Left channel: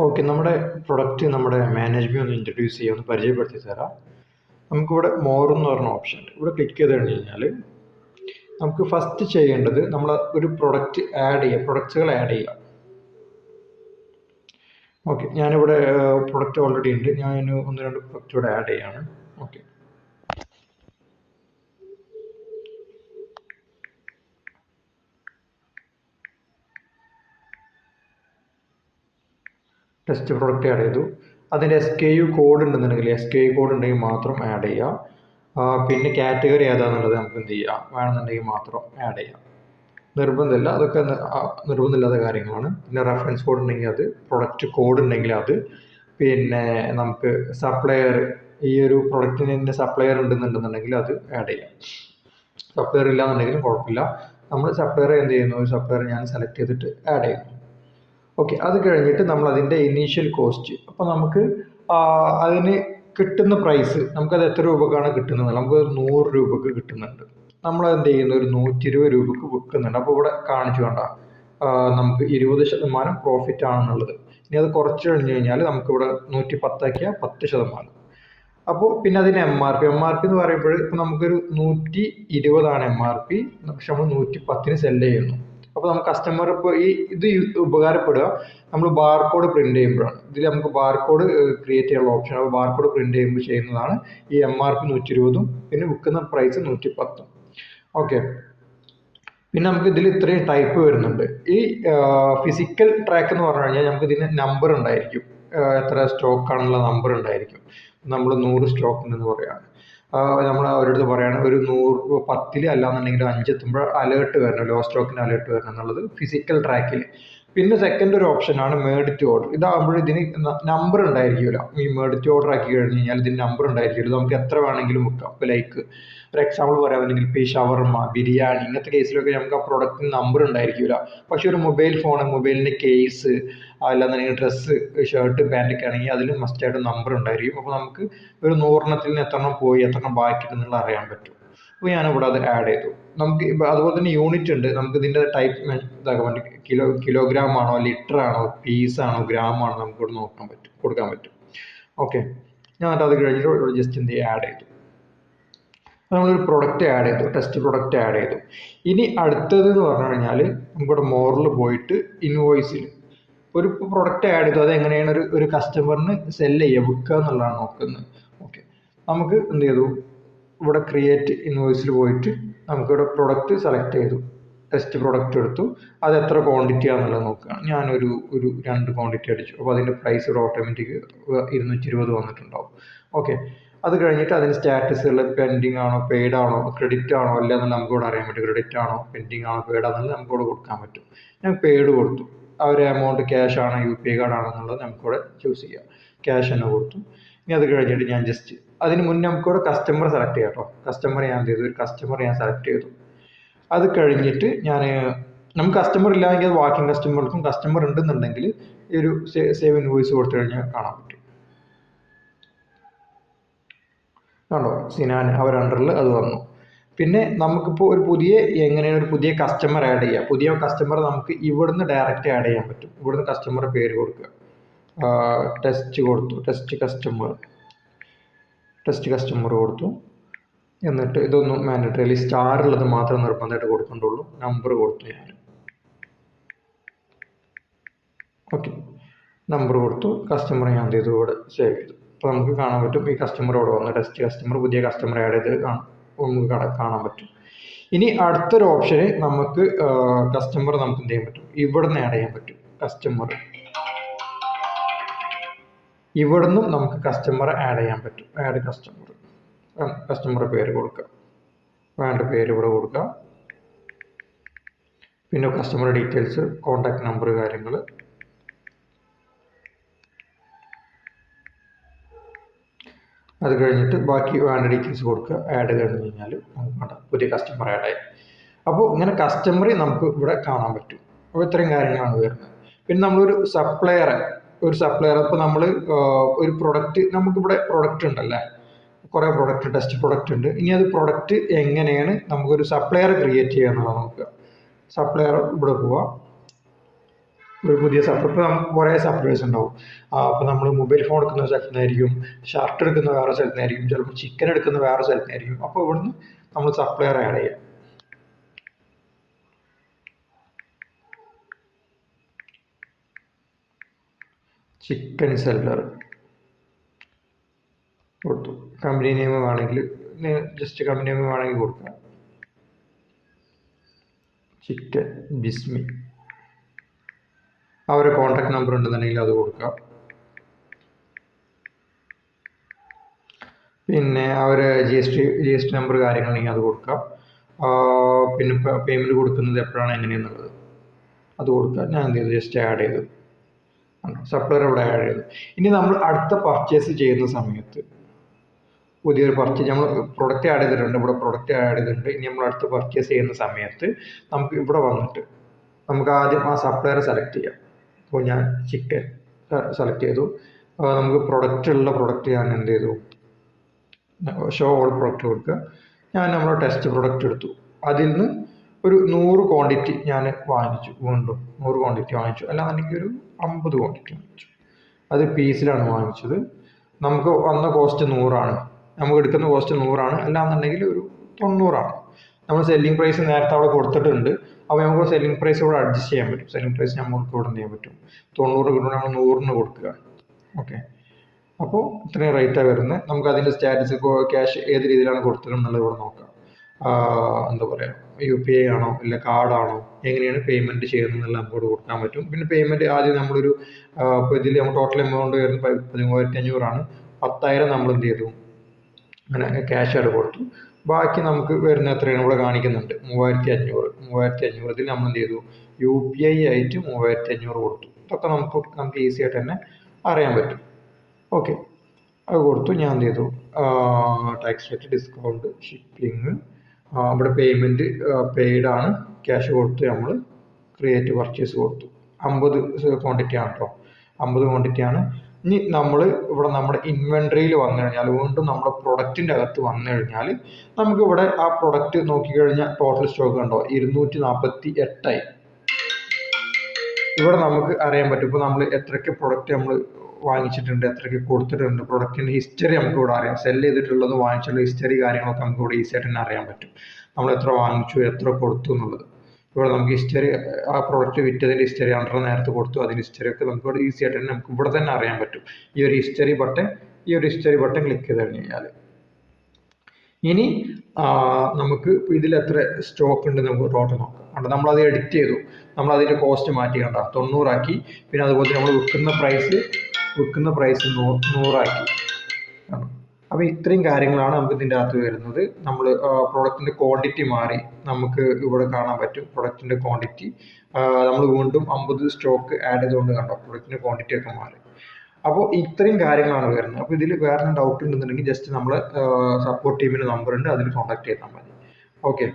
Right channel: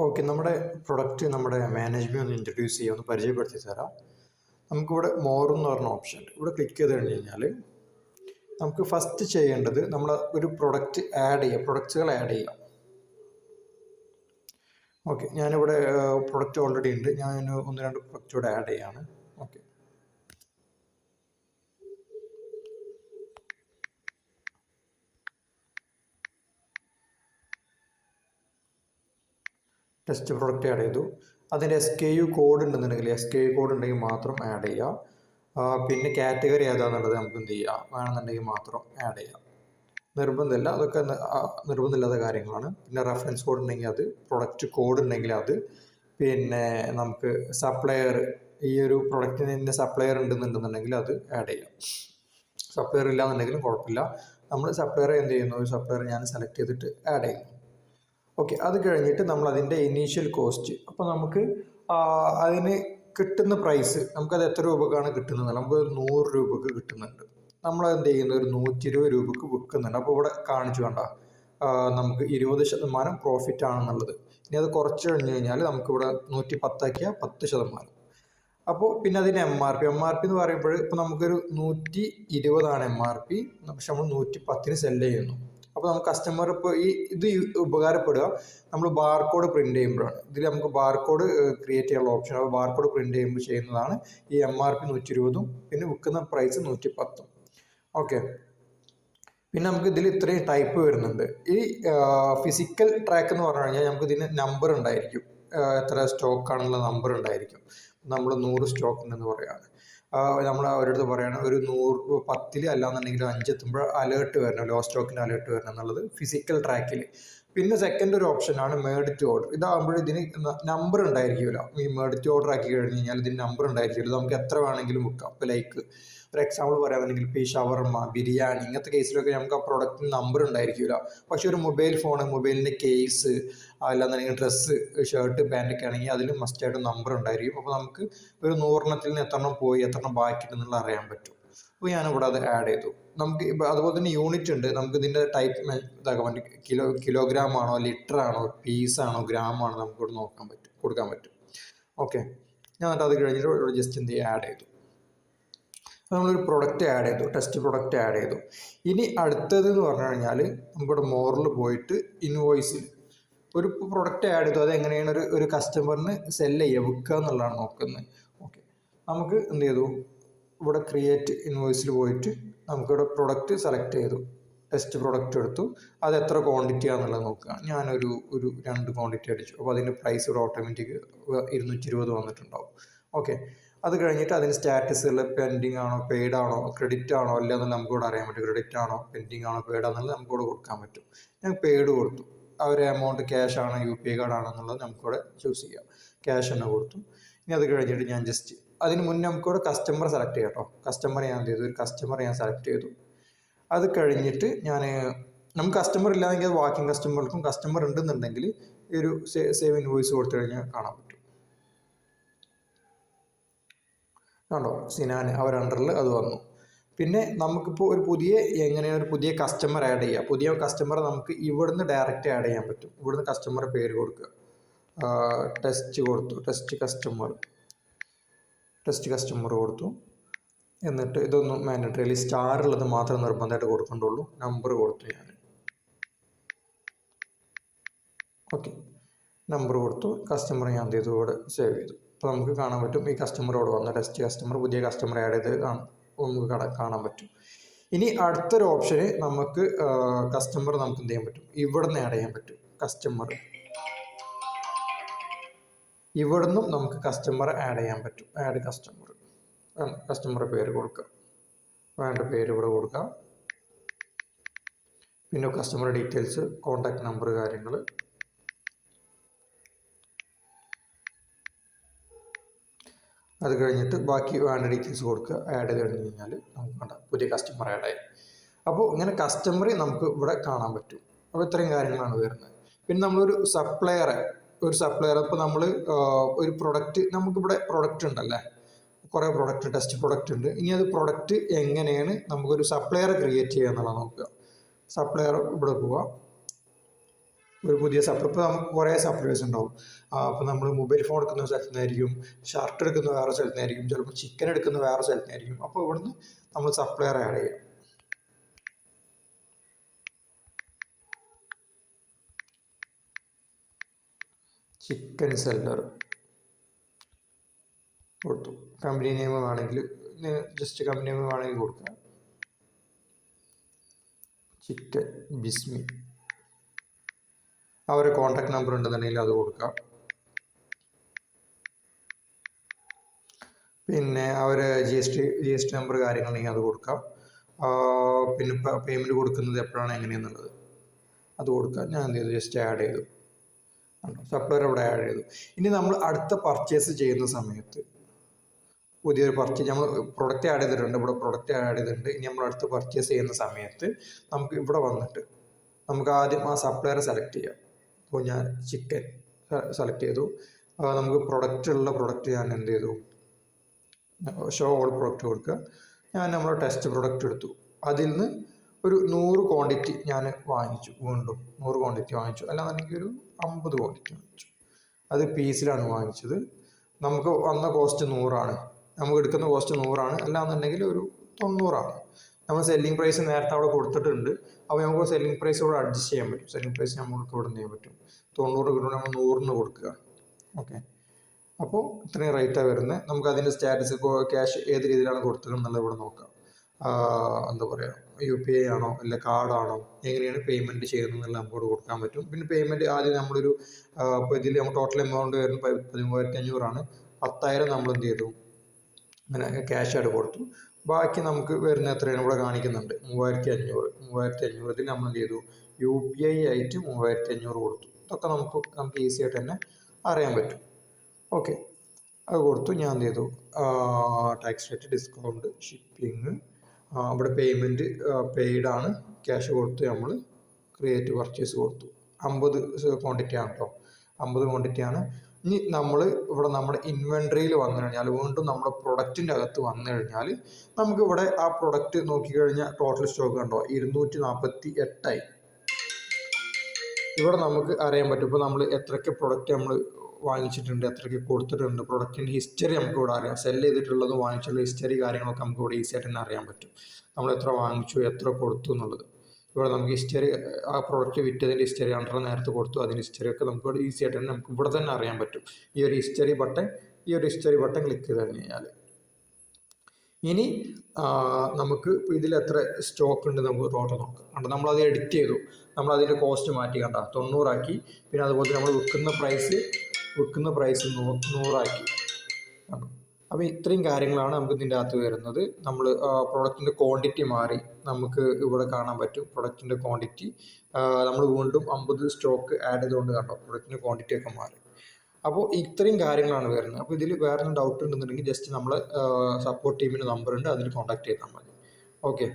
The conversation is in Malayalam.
ഓക്കെ, നമ്മുടെ പ്രൊഡക്റ്റ് നമ്മുടെ മാനേജ്മെൻറ്റ് ഒന്ന് ഇൻട്രൊഡ്യൂസ് ചെയ്യുക, ഒന്ന് പരിചയപ്പെടുത്തി തരാം. നമുക്കിവിടെ മോർ എന്ന് പറഞ്ഞ ഓപ്ഷൻ ഉണ്ട്. ഇവിടെ ക്ലിക്ക് ചെയ്ത് കഴിഞ്ഞാൽ നമുക്ക് ഫസ്റ്റ് ചെയ്യേണ്ടത് നമ്മൾ ഒരു പ്രൊഡക്റ്റ് ആഡ് ചെയ്യുക, പ്രൊഡക്റ്റുകൾ ആഡ് ചെയ്യുക. ഓക്കെ, ഞാനിവിടെ പ്രൊഡക്റ്റ് ഓൾറെഡി ഉണ്ട്, ഞാൻ ഒന്ന് രണ്ട് പ്രൊഡക്റ്റ് ഇവിടെ ആഡ് ചെയ്യാണ്. ഓക്കെ, ടെസ്റ്റ് പ്രൊഡക്റ്റ് ആഡ് ചെയ്തു. അതിൻ്റെ SKU കോഡ് ഉണ്ടെന്നുണ്ടെങ്കിൽ SKU കോഡ് ഉണ്ടെങ്കിൽ മാത്രം ആഡ് ചെയ്യാം. പിന്നെ കാറ്റഗറി ഏതാണെന്നുള്ളത് നമുക്ക് എന്ത് ചെയ്യാം, വേണമെന്നുണ്ടെങ്കിൽ മാത്രം ആഡ് ചെയ്യാം. നിർബന്ധമില്ല, അതൊക്കെ നിർബന്ധമില്ലാത്ത കാര്യങ്ങളാണ്. പിന്നെ റെഫറൻസ് കോഡ് ഉണ്ടെങ്കിൽ അത്, പ്രൊഡക്റ്റ് കോഡ് ഉണ്ടെങ്കിൽ അത്, പിന്നെ നമുക്ക് സപ്ലയർ, ഈ ഒരു പ്രൊഡക്റ്റിന് തന്നെ സപ്ലയർ ഉണ്ടെന്നുണ്ടെന്നുണ്ടെങ്കിൽ അത് ആഡ് ചെയ്യാം. സപ്ലയർ ഇല്ലാന്നുണ്ടെങ്കിലും കുഴപ്പമില്ല. നമ്മൾ സപ്ലയർ എന്ത് ചെയ്യുന്നു, ഒരു സപ്ലയർ ഞാൻ സെലക്ട് ചെയ്തിട്ട് ആഡ് ചെയ്യുന്നു. ഓക്കെ, അത് കഴിഞ്ഞിട്ട് നമ്മൾ അതിൻ്റെ ഇനീഷ്യൽ കോസ്റ്റ്, അപ്പോൾ നമുക്ക് അതിന് കിട്ടുന്ന പ്രൈസ്, നമുക്കത് എത്ര രൂപക്കാണ് കിട്ടുന്നത്, നമുക്ക് 100 രൂപക്ക് കിട്ടുന്നുണ്ട്. നമ്മൾ എന്ത് ചെയ്യുന്നു, ഒരു 120 രൂപക്ക് വിൽക്കുന്നുണ്ട്. അപ്പോൾ ഇവിടെ കാണിച്ചു കണ്ട നമുക്ക് 20% പ്രോഫിറ്റ് ആണെന്നുള്ളത്. ഇനി അത് കുറച്ച് കഴിഞ്ഞ് കഴിഞ്ഞാൽ നമുക്കിവിടെ 110 ആക്കിയാൽ 10%. അപ്പോൾ പിന്നെ അതിന് MRP എന്ന് പറയുമ്പോൾ ഇപ്പോൾ നമുക്കൊരു 120 MRP, പക്ഷെ നമ്മൾ 110 സെല് ചെയ്യുന്നു. അപ്പോൾ നമുക്ക് കസ്റ്റമർ ഇപ്പോൾ ഇത് ഉപകാരപ്പെടുക നമ്മൾ ബാർകോഡ് പ്രിന്റ് ചെയ്യുമ്പോഴാണ്. ഇതിൽ നമുക്ക് ബാർകോഡ് ക്രിയേറ്റ് ചെയ്യാനുള്ള ഓപ്ഷൻ, അപ്പോൾ ബാർകോഡ് പ്രിന്റ് ചെയ്യുമ്പോൾ ചെയ്യുന്നതാണ് ഈ MRP 120 പിന്നെ വിൽക്കുന്ന പ്രൈസ് 110. ഓക്കെ, പിന്നെ നമുക്ക് ഇതിൽ ഇത്രയും ടൈപ്പ് വരുന്നുണ്ട്. ഈ ഫിസിക്കൽ ട്രാക്ക് എന്ന് പറഞ്ഞു കഴിഞ്ഞാൽ നമുക്ക് ഇതിന് നമ്പർ ഉണ്ടായിരിക്കും, എത്ര സ്റ്റോക്ക് ആണെന്നുള്ള നമ്പർ ഉണ്ടായിരിക്കും. നമ്മൾ 100 സ്റ്റോക്ക് ഉണ്ടെന്ന് പറയുകയാണ്, നമ്മൾ അവരുടെ പറയാണ് ഒരു 110 അല്ലാന്നുണ്ടെങ്കിൽ 5 എത്തുമ്പോൾ അലേർട്ട് വരണം, ലോ സ്റ്റോക്കിന് അലേർട്ട് വരണം എന്നുള്ളത് ഫിസിക്കൽ ട്രാക്കിൽ. പിന്നെ സെക്കൻഡ് ഒരു ഓപ്ഷനാണ് മേഡ് ടു ഓർഡർ. ഇതാകുമ്പോൾ ഇതിന് നമ്പർ ഉണ്ടായിരിക്കില്ല. ഈ മേഡ് ടു ഓർഡർ ആക്കി കഴിഞ്ഞ് കഴിഞ്ഞാൽ ഇതിന് നമ്പർ ഉണ്ടായിരിക്കില്ല, നമുക്ക് എത്ര വേണമെങ്കിലും വെക്കാം. ഇപ്പോൾ ലൈക്ക് ഒരു എക്സാമ്പിൾ പറയുകയാണെങ്കിൽ ഇപ്പോൾ ഈ ഷവർമ, ബിരിയാണി ഇങ്ങനത്തെ കേസിലൊക്കെ നമുക്ക് ആ പ്രൊഡക്റ്റിന് നമ്പർ ഉണ്ടായിരിക്കില്ല. പക്ഷെ ഒരു മൊബൈൽ ഫോൺ, മൊബൈലിൻ്റെ കേസ്, അല്ലാന്നുണ്ടെങ്കിൽ ഡ്രസ്സ്, ഷർട്ട്, പാൻറ്റൊക്കെ ആണെങ്കിൽ അതിൽ മസ്റ്റായിട്ട് നമ്പർ ഉണ്ടായിരിക്കും. അപ്പോൾ നമുക്ക് ഒരു 100 നിന്ന് എത്രണ്ണം പോയി എത്രണ്ണം ബാക്കിയിട്ടുണ്ടെന്നുള്ള അറിയാൻ പറ്റും. അപ്പോൾ ഞാനിവിടെ അത് ആഡ് ചെയ്തു. നമുക്ക് അതുപോലെ തന്നെ യൂണിറ്റ് ഉണ്ട്, നമുക്ക് ഇതിൻ്റെ ടൈപ്പ് ഇതാക്കാൻ പറ്റും. കിലോഗ്രാം ആണോ, ലിറ്റർ ആണോ, പീസ് ആണോ, ഗ്രാം ആണോ, നമുക്കിവിടെ നോക്കാൻ പറ്റും, കൊടുക്കാൻ പറ്റും. ഓക്കെ, ഞാൻ അത് കഴിഞ്ഞിട്ട് ഇവിടെ ജസ്റ്റ് എന്ത് ചെയ്യുക, ആഡ് ചെയ്തു. നമ്മളൊരു പ്രൊഡക്റ്റ് ആഡ് ചെയ്തു, ടെസ്റ്റ് പ്രൊഡക്റ്റ് ആഡ് ചെയ്തു. ഇനി അടുത്തത് എന്ന് പറഞ്ഞു കഴിഞ്ഞാൽ നമുക്കിവിടെ മോറിൽ പോയിട്ട് ഇൻവോയ്സിൽ ഒരു പ്രൊഡക്റ്റ് ആഡ് ചെയ്തു, അത് എങ്ങനെയാണ് ഒരു കസ്റ്റമറിന് സെല്ല് ചെയ്യുക, വിൽക്കുക എന്നുള്ളതാണ് നോക്കുന്നത്. ഓക്കെ, നമുക്ക് എന്ത് ചെയ്തു, ഇവിടെ ക്രിയേറ്റ് ഇൻവോയ്സിൽ പോയിട്ട് നമുക്കിവിടെ പ്രൊഡക്റ്റ് സെലക്ട് ചെയ്തു, ടെസ്റ്റ് പ്രൊഡക്റ്റ് എടുത്തു, അത് എത്ര ക്വാണ്ടിറ്റി ആണെന്നുള്ളത് നോക്കുക. ഞാനൊരു 2 ക്വാണ്ടിറ്റി അടിച്ചു. അപ്പോൾ അതിൻ്റെ പ്രൈസ് ഇവിടെ ഓട്ടോമാറ്റിക് 220 വന്നിട്ടുണ്ടാവും. ഓക്കെ, അത് കഴിഞ്ഞിട്ട് അതിന് സ്റ്റാറ്റസുകൾ പെൻഡിങ് ആണോ, പെയ്ഡ് ആണോ, ക്രെഡിറ്റ് ആണോ അല്ല എന്നുള്ളത് നമുക്കിവിടെ അറിയാൻ പറ്റും. ക്രെഡിറ്റ് ആണോ, പെൻഡിങ് ആണോ, പെയ്ഡ് ആണെന്നുള്ളത് നമുക്കിവിടെ കൊടുക്കാൻ പറ്റും. ഞാൻ പെയ്ഡ് കൊടുത്തു. ആ ഒരു എമൗണ്ട് ക്യാഷ് ആണോ UPI കാർഡ് ആണോ എന്നുള്ളത് നമുക്കിവിടെ ചൂസ് ചെയ്യാം. ക്യാഷ് തന്നെ കൊടുത്തു. ഇനി അത് കഴിഞ്ഞിട്ട് ഞാൻ ജസ്റ്റ് അതിന് മുന്നേ നമുക്കിവിടെ കസ്റ്റമർ സെലക്ട് ചെയ്യാം കേട്ടോ. കസ്റ്റമർ ഞാൻ എന്ത് ചെയ്തു, ഒരു കസ്റ്റമർ ഞാൻ സെലക്ട് ചെയ്തു. അത് കഴിഞ്ഞിട്ട് നമുക്ക് കസ്റ്റമർ ഇല്ലായെങ്കിൽ അത് വാക്കിംഗ് കസ്റ്റമർക്കും, കസ്റ്റമർ ഉണ്ടെന്നുണ്ടെങ്കിൽ ഈ ഒരു സേവ് ഇൻവോയ്സ് കൊടുത്തു കഴിഞ്ഞാൽ കാണാൻ പറ്റും. കണ്ടോ, സിനാൻ അവർ അണ്ടറിൽ അത് വന്നു. പിന്നെ നമുക്കിപ്പോൾ എങ്ങനെയാണ് ഒരു പുതിയ കസ്റ്റമർ ആഡ് ചെയ്യുക. പുതിയ കസ്റ്റമർ നമുക്ക് ഇവിടുന്ന് ഡയറക്റ്റ് ആഡ് ചെയ്യാൻ പറ്റും. ഇവിടുന്ന് കസ്റ്റമറുടെ പേര് കൊടുക്കുക, ടെസ്റ്റ് കൊടുത്തു, ടെസ്റ്റ് കസ്റ്റമർ കൊടുത്തു. എന്നിട്ട് ഇതൊന്നും മാൻഡേറ്ററി, സ്റ്റാർ ഉള്ളത് മാത്രം നിർബന്ധമായിട്ട് കൊടുക്കേണ്ടുള്ളൂ. നമ്പർ കൊടുത്തു ഞാൻ. ഓക്കെ, നമ്പർ കൊടുത്തു. കസ്റ്റമർ ഞാൻ എന്ത് ചെയ്തു, ഇവിടെ സേവ് ചെയ്തു. അപ്പോൾ നമുക്ക് കാണാൻ പറ്റും ഈ കസ്റ്റമർ ഇവിടെ വന്നു, ടെസ്റ്റ് കസ്റ്റമർ, പുതിയ കസ്റ്റമർ ആഡ് ചെയ്ത് നമുക്ക് കാണാൻ പറ്റും. ഇനി അടുത്തൊരു ഓപ്ഷന് നമുക്ക് കസ്റ്റമർ നമുക്ക് എന്ത് ചെയ്യാൻ പറ്റും, ഇവിടുന്ന് ആഡ് ചെയ്യാൻ പറ്റും. ഇവിടുന്നും നമുക്ക് കസ്റ്റമർ ആഡ് ചെയ്യാൻ പറ്റും. ആഡ് കസ്റ്റമറുടെ പേര് കൊടുക്കുക, വേണ്ട പേര് ഇവിടെ കൊടുക്കുക. പിന്നെ കസ്റ്റമർ ഡീറ്റെയിൽസ്, കോൺടാക്ട് നമ്പർ, കാര്യങ്ങൾ. അത് കഴിഞ്ഞിട്ട് ബാക്കി വേണ്ട ഡീറ്റെയിൽസ് കൊടുക്കുക. ആഡ് കഴിഞ്ഞ് കഴിഞ്ഞാൽ നമുക്ക് പുതിയ കസ്റ്റമർ ആഡ് ആയി. അപ്പോൾ ഇങ്ങനെ കസ്റ്റമറെ നമുക്ക് ഇവിടെ കാണാൻ പറ്റും. അപ്പോൾ ഇത്രയും കാര്യങ്ങളാണ് വരുന്നത്. പിന്നെ നമ്മളൊരു സപ്ലയർ ഇപ്പോൾ നമ്മൾ ഒരു പ്രൊഡക്റ്റ്, നമുക്കിവിടെ പ്രൊഡക്റ്റ് ഉണ്ടല്ലേ, കുറേ പ്രൊഡക്റ്റ്, ടെസ്റ്റ് പ്രൊഡക്റ്റ് ഉണ്ട്. ഇനി അത് പ്രൊഡക്റ്റ് എങ്ങനെയാണ് നമുക്കൊരു സപ്ലയർ ക്രിയേറ്റ് ചെയ്യുക എന്നുള്ളത് നോക്കുക. സപ്ലയർ ഇവിടെ പോവുക, ഒരു പുതിയ സപ്ലൈ ഇപ്പോൾ നമുക്ക് കുറേ സപ്ലൈസ് ഉണ്ടാവും. അപ്പോൾ നമ്മൾ മൊബൈൽ ഫോൺ എടുക്കുന്ന സ്ഥലത്ത് നിന്നായിരിക്കും, ഷർട്ട് എടുക്കുന്ന വേറെ സ്ഥലത്ത് നിന്നായിരിക്കും, ചിലപ്പോൾ ചിക്കൻ എടുക്കുന്ന വേറെ സ്ഥലത്ത് നിന്നായിരിക്കും. അപ്പോൾ ഇവിടുന്ന് നമ്മൾ സപ്ലയർ ആഡ് ചെയ്യാം. ചിക്കൻ സെല്ലർ കൊടുത്തു. കമ്പനി നെയിം വേണമെങ്കിൽ ജസ്റ്റ് കമ്പനി നെയിം വേണമെങ്കിൽ കൊടുക്കാം. ചിക്കൻ ബിസ്മി. അവരെ കോൺടാക്ട് നമ്പർ ഉണ്ടെന്നുണ്ടെങ്കിൽ അത് കൊടുക്കാം. പിന്നെ അവരെ ജി എസ് ടി നമ്പർ കാര്യങ്ങളുണ്ടെങ്കിൽ അത് കൊടുക്കാം. പിന്നെ പേയ്മെൻറ്റ് കൊടുക്കുന്നത് എപ്പോഴാണ് എങ്ങനെയെന്നുള്ളത് അത് കൊടുക്കാം. ഞാൻ എന്ത് ചെയ്തു, ജസ്റ്റ് ആഡ് ചെയ്തു. സപ്ലയർ ഇവിടെ ആഡ് ചെയ്തു. ഇനി നമ്മൾ അടുത്ത പർച്ചേസ് ചെയ്യുന്ന സമയത്ത് പുതിയൊരു പർച്ചേസ് നമ്മൾ പ്രൊഡക്റ്റ് ആഡ് ചെയ്തിട്ടുണ്ട്, ഇവിടെ പ്രൊഡക്റ്റ് ആഡ് ചെയ്തിട്ടുണ്ട്. ഇനി നമ്മൾ അടുത്ത പർച്ചേസ് ചെയ്യുന്ന സമയത്ത് നമുക്ക് ഇവിടെ വന്നിട്ട് നമുക്ക് ആദ്യം ആ സപ്ലയറെ സെലക്ട് ചെയ്യാം. അപ്പോൾ ഞാൻ ചിക്കൻ സെലക്ട് ചെയ്തു. നമുക്ക് പ്രൊഡക്റ്റ് ഞാൻ എന്ത് ചെയ്തു, ഷോ ഓൾ പ്രൊഡക്റ്റ് കൊടുക്കുക. ഞാൻ നമ്മുടെ ടെസ്റ്റ് പ്രൊഡക്റ്റ് എടുത്തു. അതിൽ നിന്ന് ഒരു 100 ക്വാണ്ടിറ്റി ഞാൻ വാങ്ങിച്ചു. വീണ്ടും 100 ക്വാണ്ടിറ്റി വാങ്ങിച്ചു, അല്ലാന്നുണ്ടെങ്കിൽ ഒരു 50 ക്വാണ്ടിറ്റി വാങ്ങിച്ചു. അത് പീസിലാണ് വാങ്ങിച്ചത്. നമുക്ക് വന്ന കോസ്റ്റ് 100 നമുക്ക് എടുക്കുന്ന കോസ്റ്റ് 100 അല്ലാന്നുണ്ടെങ്കിൽ ഒരു 90. നമ്മൾ സെല്ലിംഗ് പ്രൈസ് നേരത്തെ അവിടെ കൊടുത്തിട്ടുണ്ട്. അപ്പോൾ നമുക്ക് സെല്ലിംഗ് പ്രൈസ് ഇവിടെ അഡ്ജസ്റ്റ് ചെയ്യാൻ പറ്റും. സെല്ലിംഗ് പ്രൈസ് നമുക്ക് ഇവിടെ ചെയ്യാൻ പറ്റും. 90 കിട്ടുമ്പോൾ നമ്മൾ 100 കൊടുക്കുക. ഓക്കെ, അപ്പോൾ ഇത്രയും റേറ്റാണ് വരുന്നത്. നമുക്ക് അതിൻ്റെ സ്റ്റാറ്റസ് ക്യാഷ് ഏത് രീതിയിലാണ് കൊടുത്തത് എന്നുള്ളത് ഇവിടെ നോക്കാം. എന്താ പറയുക, UPI ആണോ ഇല്ല കാർഡാണോ, എങ്ങനെയാണ് പേയ്മെൻറ്റ് ചെയ്യുന്നത് എന്നുള്ള നമുക്ക് കൊടുക്കാൻ പറ്റും. പിന്നെ പേയ്മെൻറ്റ് ആദ്യം നമ്മളൊരു ഇപ്പോൾ ഇതിൽ നമ്മൾ ടോട്ടൽ എമൗണ്ട് വരുന്നത് 13,500. 10,000 നമ്മൾ എന്ത് ചെയ്തു, അങ്ങനെ ക്യാഷ് ആയിട്ട് കൊടുത്തു. ബാക്കി നമുക്ക് വരുന്ന എത്രയാണ് ഇവിടെ കാണിക്കുന്നുണ്ട്, 3,500. ഇതിൽ നമ്മൾ എന്ത് ചെയ്തു, UPI ആയിട്ട് 3,500 കൊടുത്തു. ഇതൊക്കെ നമുക്ക് ഈസി ആയിട്ട് തന്നെ അറിയാൻ പറ്റും. ഓക്കെ, അത് കൊടുത്തു. ഞാൻ എന്ത് ചെയ്തു, ടാക്സ് റേറ്റ്, ഡിസ്കൗണ്ട്, ഷിപ്പിംഗ്, ഇവിടെ പേയ്മെൻറ്റ് പെയ്ഡാണ്, ക്യാഷ് കൊടുത്ത് നമ്മൾ ക്രിയേറ്റ് പർച്ചേസ് കൊടുത്തു. 50 ക്വാണ്ടിറ്റിയാണ് കേട്ടോ, 50 ക്വാണ്ടിറ്റിയാണ്. ഇനി നമ്മൾ ഇവിടെ നമ്മുടെ ഇൻവെൻട്രിയിൽ വന്നു കഴിഞ്ഞാൽ, വീണ്ടും നമ്മുടെ പ്രൊഡക്റ്റിൻ്റെ അകത്ത് വന്നു കഴിഞ്ഞാൽ നമുക്കിവിടെ ആ പ്രൊഡക്റ്റ് നോക്കിക്കഴിഞ്ഞാൽ ടോട്ടൽ സ്റ്റോക്ക് കണ്ടോ 248 ഇവിടെ നമുക്ക് അറിയാൻ പറ്റും. ഇപ്പോൾ നമ്മൾ എത്രയ്ക്ക് പ്രൊഡക്റ്റ് നമ്മൾ വാങ്ങിച്ചിട്ടുണ്ട്, എത്രയ്ക്ക് കൊടുത്തിട്ടുണ്ട്, പ്രൊഡക്റ്റിൻ്റെ ഹിസ്റ്ററി നമുക്ക് ഇവിടെ അറിയാം. സെല് ചെയ്തിട്ടുള്ളതും വാങ്ങിച്ചുള്ള ഹിസ്റ്ററി കാര്യങ്ങളൊക്കെ നമുക്ക് ഇവിടെ ഈസി ആയിട്ട് തന്നെ അറിയാൻ പറ്റും. നമ്മൾ എത്ര വാങ്ങിച്ചു, എത്ര കൊടുത്തു എന്നുള്ളത് ഇവിടെ നമുക്ക് ഹിസ്റ്ററി, ആ പ്രൊഡക്റ്റ് വിറ്റതിൻ്റെ ഹിസ്റ്ററി, അണ്ടർ നേരത്തെ കൊടുത്തു അതിൻ്റെ ഹിസ്റ്ററി ഒക്കെ നമുക്ക് ഇവിടെ ഈസി ആയിട്ട് തന്നെ നമുക്ക് ഇവിടെ തന്നെ അറിയാൻ പറ്റും. ഈ ഒരു ഹിസ്റ്ററി ബട്ടൺ ക്ലിക്ക് ചെയ്ത് കഴിഞ്ഞാൽ ഇനി നമുക്ക് ഇതിൽ എത്ര സ്റ്റോക്ക് ഉണ്ട് നമുക്ക് ടോട്ടൽ നോക്കാം. കണ്ടോ, നമ്മളത് എഡിറ്റ് ചെയ്തു, നമ്മൾ അതിൻ്റെ കോസ്റ്റ് മാറ്റി കണ്ട 90 പിന്നെ അതുപോലെ നമ്മൾ വിൽക്കുന്ന പ്രൈസ് 100 അപ്പോൾ ഇത്രയും കാര്യങ്ങളാണ് നമുക്ക് ഇതിൻ്റെ അകത്ത് വരുന്നത്. നമ്മൾ പ്രൊഡക്റ്റിൻ്റെ ക്വാണ്ടിറ്റി മാറി നമുക്ക് ഇവിടെ കാണാൻ പറ്റും. പ്രൊഡക്റ്റിൻ്റെ ക്വാണ്ടിറ്റി നമ്മൾ വീണ്ടും 50 സ്റ്റോക്ക് ആഡ് ചെയ്തുകൊണ്ട് കണ്ടോ പ്രൊഡക്റ്റിൻ്റെ ക്വാണ്ടിറ്റി ഒക്കെ മാറി. അപ്പോൾ ഇത്രയും കാര്യങ്ങളാണ് വരുന്നത്. അപ്പോൾ ഇതിൽ വേറെ ഡൗട്ട് ഉണ്ടെന്നുണ്ടെങ്കിൽ ജസ്റ്റ് നമ്മൾ സപ്പോർട്ട് ടീമിൻ്റെ നമ്പർ ഉണ്ട്, അതിൽ കോൺടാക്ട് ചെയ്താൽ മതി. ഓക്കെ.